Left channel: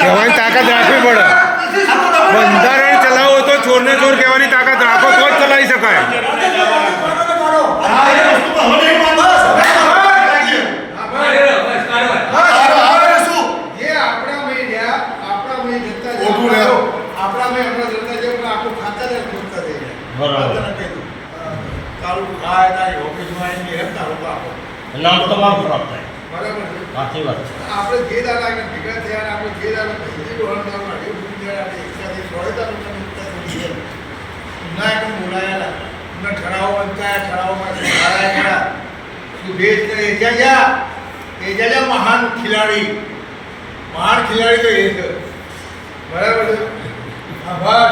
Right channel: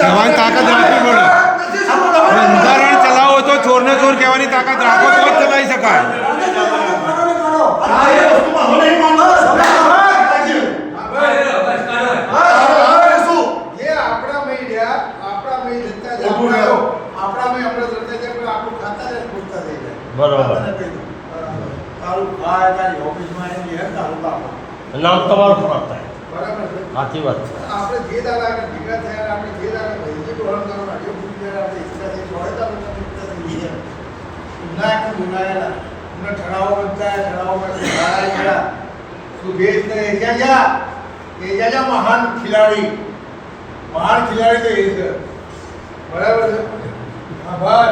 કહેવાની તાકાત રાખવી પડે. બંધારણ ચલાવો તો ચોરને ચોર કહેવાની તાકાત રાખો તો જ ચલાવી શકાય. બરાબર. નામ તમારું ખરાબ થાય. સાચી વાત છે. આપણે જે દાદા ભેગા થયા આપણે જે દાદા ભાઈ માટે આપણે એકસાથે બોલાયેલા ઠરાવો ઠરાવોમાં સુભેશ એજાજા મહાન ખેલાડી તો એ છે. બરાબર છે. આભાર.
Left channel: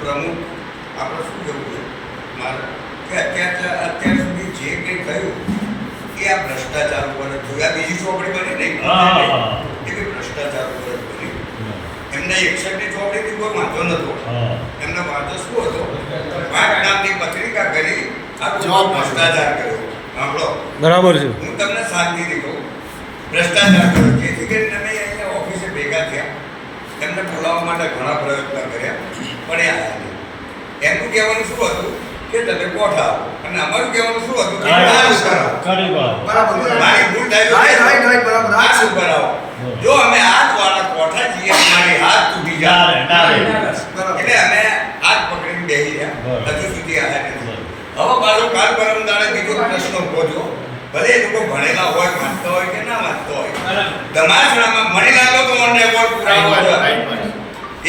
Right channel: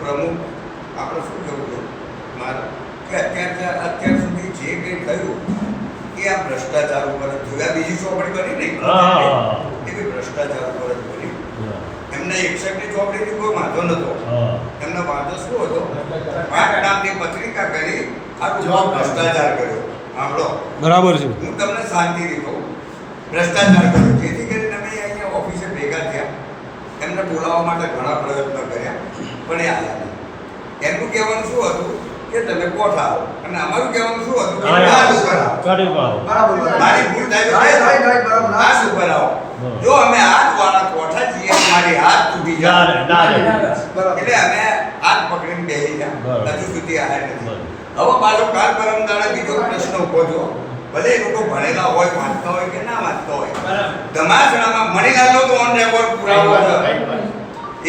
પ્રમુખ આપણે શું કહેવું છે મારે કે અત્યાર સુધી જે કંઈ થયું એ આ ભ્રષ્ટાચાર ઉપર જ થયું. આ બીજી ચોપડી બની નહીં એ બી ભ્રષ્ટાચાર ઉપર જ બની. એમને 61ની ચોપડીથી કોઈ વાંધો નહોતો. એમનો વાંધો શું હતો? 5 નામની પત્રિકા કરી આ ભ્રષ્ટાચાર કર્યો. સાંભળો બરાબર છે. હું તમને શાંતિથી કહું ભ્રષ્ટાચાર કર્યો જેથી કરીને અમે અહીંયા ઓફિસે ભેગા થયા. એમને બોલાવવા માટે ઘણા પ્રયત્ન કર્યા પણ એ આવ્યા નહીં. એમનું કહેવાનું શું હતું કે તમે કોઠા આવો અને અમારું કહેવાનું શું હતું કે મારી ભૂલ થાય બરાબર આ શું કરાવો. જો અમે હાથ વાળા કોઠા છીએ અમારી હાથ તૂટી જાય એટલે અમે હાથ પકડીને બેસી ગયા. હજુ સુધી આવ્યા નથી. હવે પાછો કાલ પરમ દાડે બીજો પ્રશ્ન ઉભો થયો. ભલે એ લોકો ભણેલા હોય વાંચતા હોય કે ના વાંચતા હોય ધમાસણામાં મણીલાલનો તો ઓન રેકોર્ડ પુરાવો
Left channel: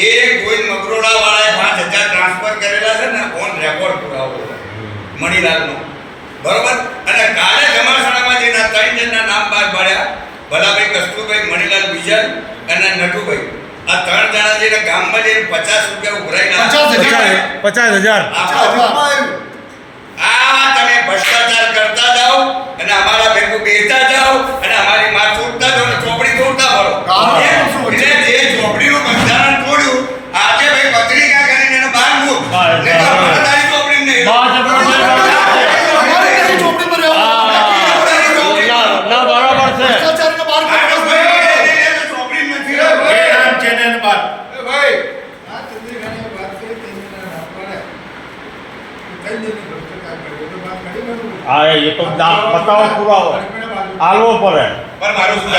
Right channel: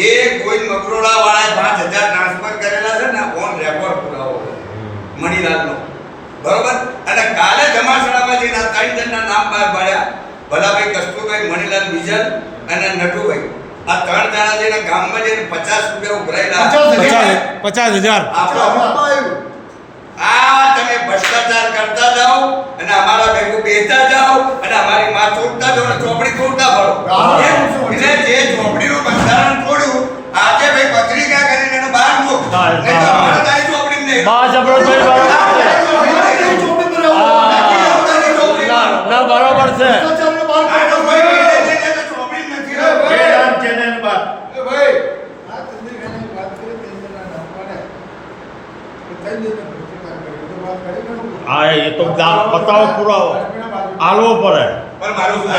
એ કોઈ મગરોડા વાળાએ 5000 ટ્રાન્સફર કરેલા છે ને ઓન રેકોર્ડ પુરાવો મણીલાલનો બરોબર. અને કાલે ધમાસણામાં જેના 3 જણના નામ બહાર પાડ્યા ભલાભાઈ કસ્તુરભાઈ મણીલાલ બીજલ અને નટુભાઈ આ 3 જણા જેના ગામમાં જઈને 50 રૂપિયા ઉઘરાયેલા 50,000 આ તમે ભ્રષ્ટાચાર કરતા જાઓ અને અમારા ભેગું બેસતા જાઓ અને અમારી માં તોડતા જાઓ અને ચોપડી તોડતા ભરો. એટલે જે ચોપડીનું બંધારણ તોડ્યું આજે ભાઈ પત્રિકા કરીને એને બહાર મૂકો. તારી ચોપડી નહીં ના બરાબર છે. હા એ તો બતાવો પુરાવો આલવો પડે. પણ મારું શું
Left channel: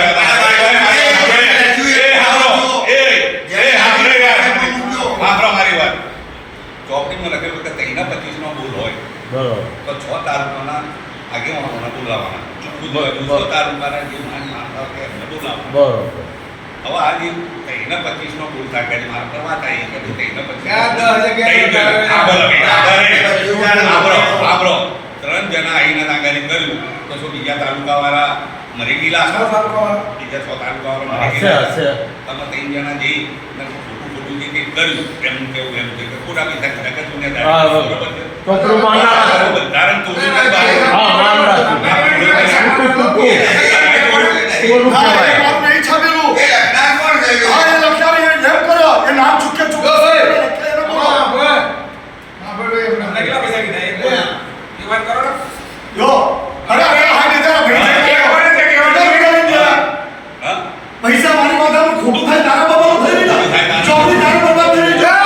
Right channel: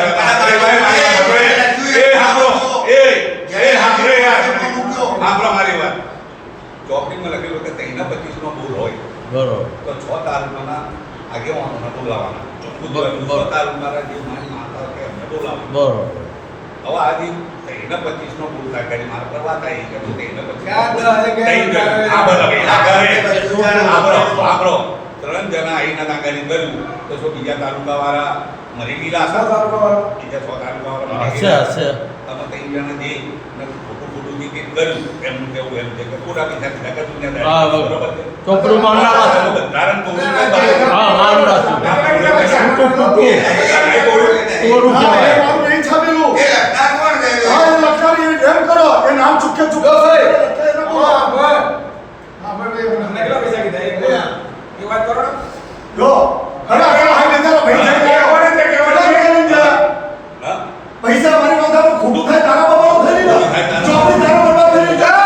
મારી વાત ચોપડીમાં લખેલું કે 25 નો બોલ હોય બરોબર તો 6 તાલુકાના આગેવાનોને બોલાવવાના. 6 તાલુકાના જે નામ કે એમને બોલાવવા. બરોબર. હવે આજે 25 નો બોલ થાય કરી મારા પર વાત આવી કે 3 જણા આવીને નાગારી કર્યું તો શું બીજા તાલુકા વાળા મરી ગયેલા બીજા 6 તાલુકા વાળા હશે હશે તમે 3 જણા જઈ ખોટું જે કંઈ કર્યું એમનું કેવું એમ છે કે ખોટા બી થાય ચોપડું માન ના રાખો બંધારણ તો હા માન રાખો ટૂંકું ટૂંકું કહેવાય. પૈસા કીધા એ વાત કરો જો અરે આ હાઈ નજારા ભાઈ હા? પૈસા મારી માથામાં ખોટું થાય તારા બાબાનું થઈ નહીં ને ચોથી તારા બાબા થઈ નહીં જાય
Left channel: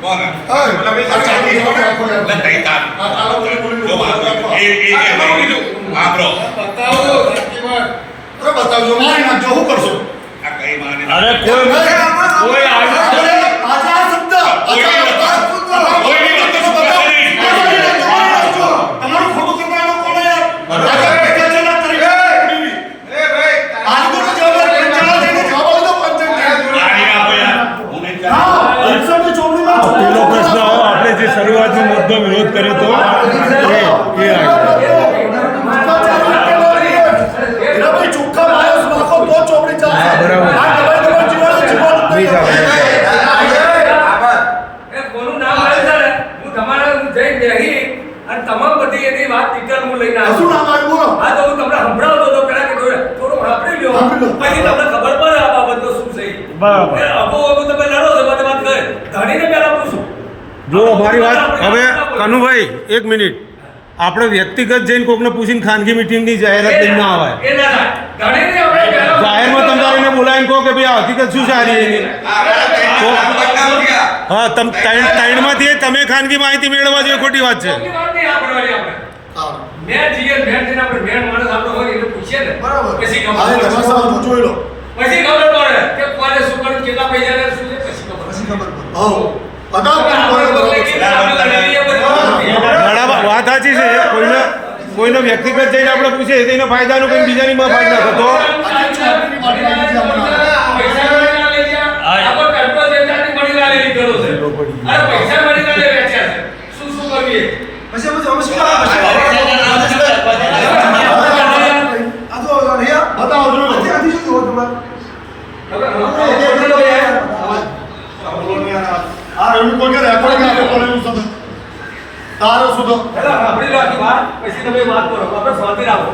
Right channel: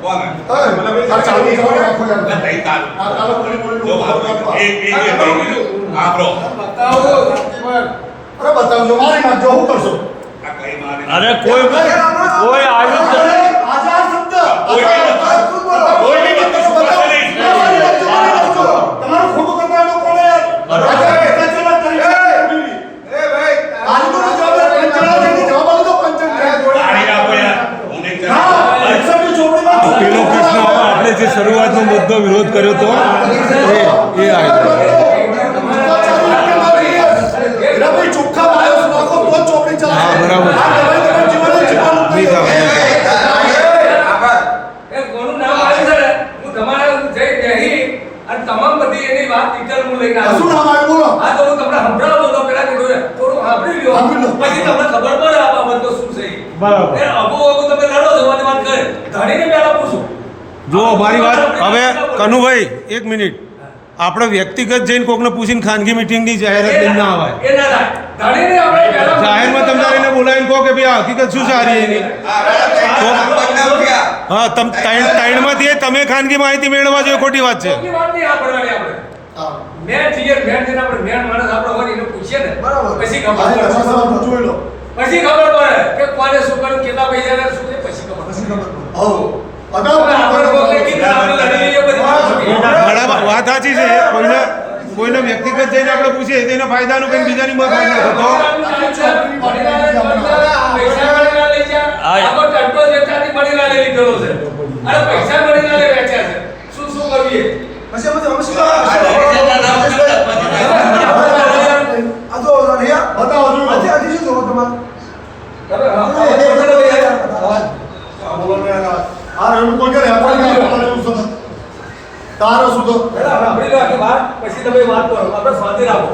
કોણ? આ ચાલી જવા રાખો યાર એટલે તઈ તાર. આ ચાલો બોલી જો બાબા, એ ભાઈ આ બ્રો. અરે બતાવજો મારી નાખજો શું કરશો આ કઈ માને અરે કોઈ આવ્યું જ નથી. આજે આ શબ્દ કોઈની વાત તો મારી નાખજો. તમારું ખોટું કરવાનો કોણ યાર આજે ભેગા ચલા કરી આજુબાજુ જવાબ પંચાયત છે જવાબ આલી દો પંચાયત પાણી આપો યાર. હું નહીં કરું. હા એક્ઝામની ચોપડીમાં આ પેલો પ્રશ્ન આવ્યો આપણે જે શરૂઆતનો મુદ્દો વિરોધ કર્યો તો એ આવ્યો ભાઈ ચોખ્ખા પાયસ નાખો તો ચોપડી ચાલે હા, બરાબર. આ દવાઈ દવાઈ જીવાનું નહીં ચાલે એમ ચાલે. એ કોનું નામ આવ્યું છે ને, હું તમારા જઈ બેહી અને તમામ બધી એની વાત ડિટેલ હું લઈને આવ્યો શું નામ આવ્યું બોલો હા તો હું તમને સંભળાવતો હતો પેલા કીધું થોડું સાંભળી લ્યો સાંભળી લો. પછી તમને ખબર પડે આ બાબતનો શું છે બરાબર. એ અબો તમે લડો છો બધી વાત કરે ધણીને પહેલા પૂછો જો મારી વાત હવે કનુભાઈ એક મિનિટ આપણે વ્યક્તિગત જઈને કોકને પૂછીને ખાનગી મિટિંગની જાહેરાત લઈને ના આવાય એ ના થાય ધણીને આપણે પહેલા જાહેરમાં તમે તારીને બોલાવીને કહો કે ભાઈ આ હકીકત શું સારી એની તો બદનામ થયા. હા તમ ત્રણમાંથી તમે ખાનગી માહિતી મેળવવા જોઈએ ખોટી વાત છે ખોટી વાત નહીં આપણવાની આપણે મેં જઈએ મેં જઈને આપણે મેન માણસ આપણે હોય ને એને પૂછીએ ને બરાબર પછી મારી ખબર તમારા પડે સવાલ જોઈ લો પછી ખબર પડે કે કોને શું કરવું કેટલા પૈસા ને શું છે પછી ખબર પડે હો બતાવો આપણે કોઈ લઈ જઈને આપણે લડી લઈએ બધી ઘણા વાત સાચી છે કોઈને વ્યક્તિગત જઈને આપણે પૂછીએ તો એના ફાયદાનું કંઈ બીજાની ફાયદા થતો બતાવો આ રવિ કોઈ કરે તારે શું તો પછી તમે વાત કરો આપણે શાંતિ રાખો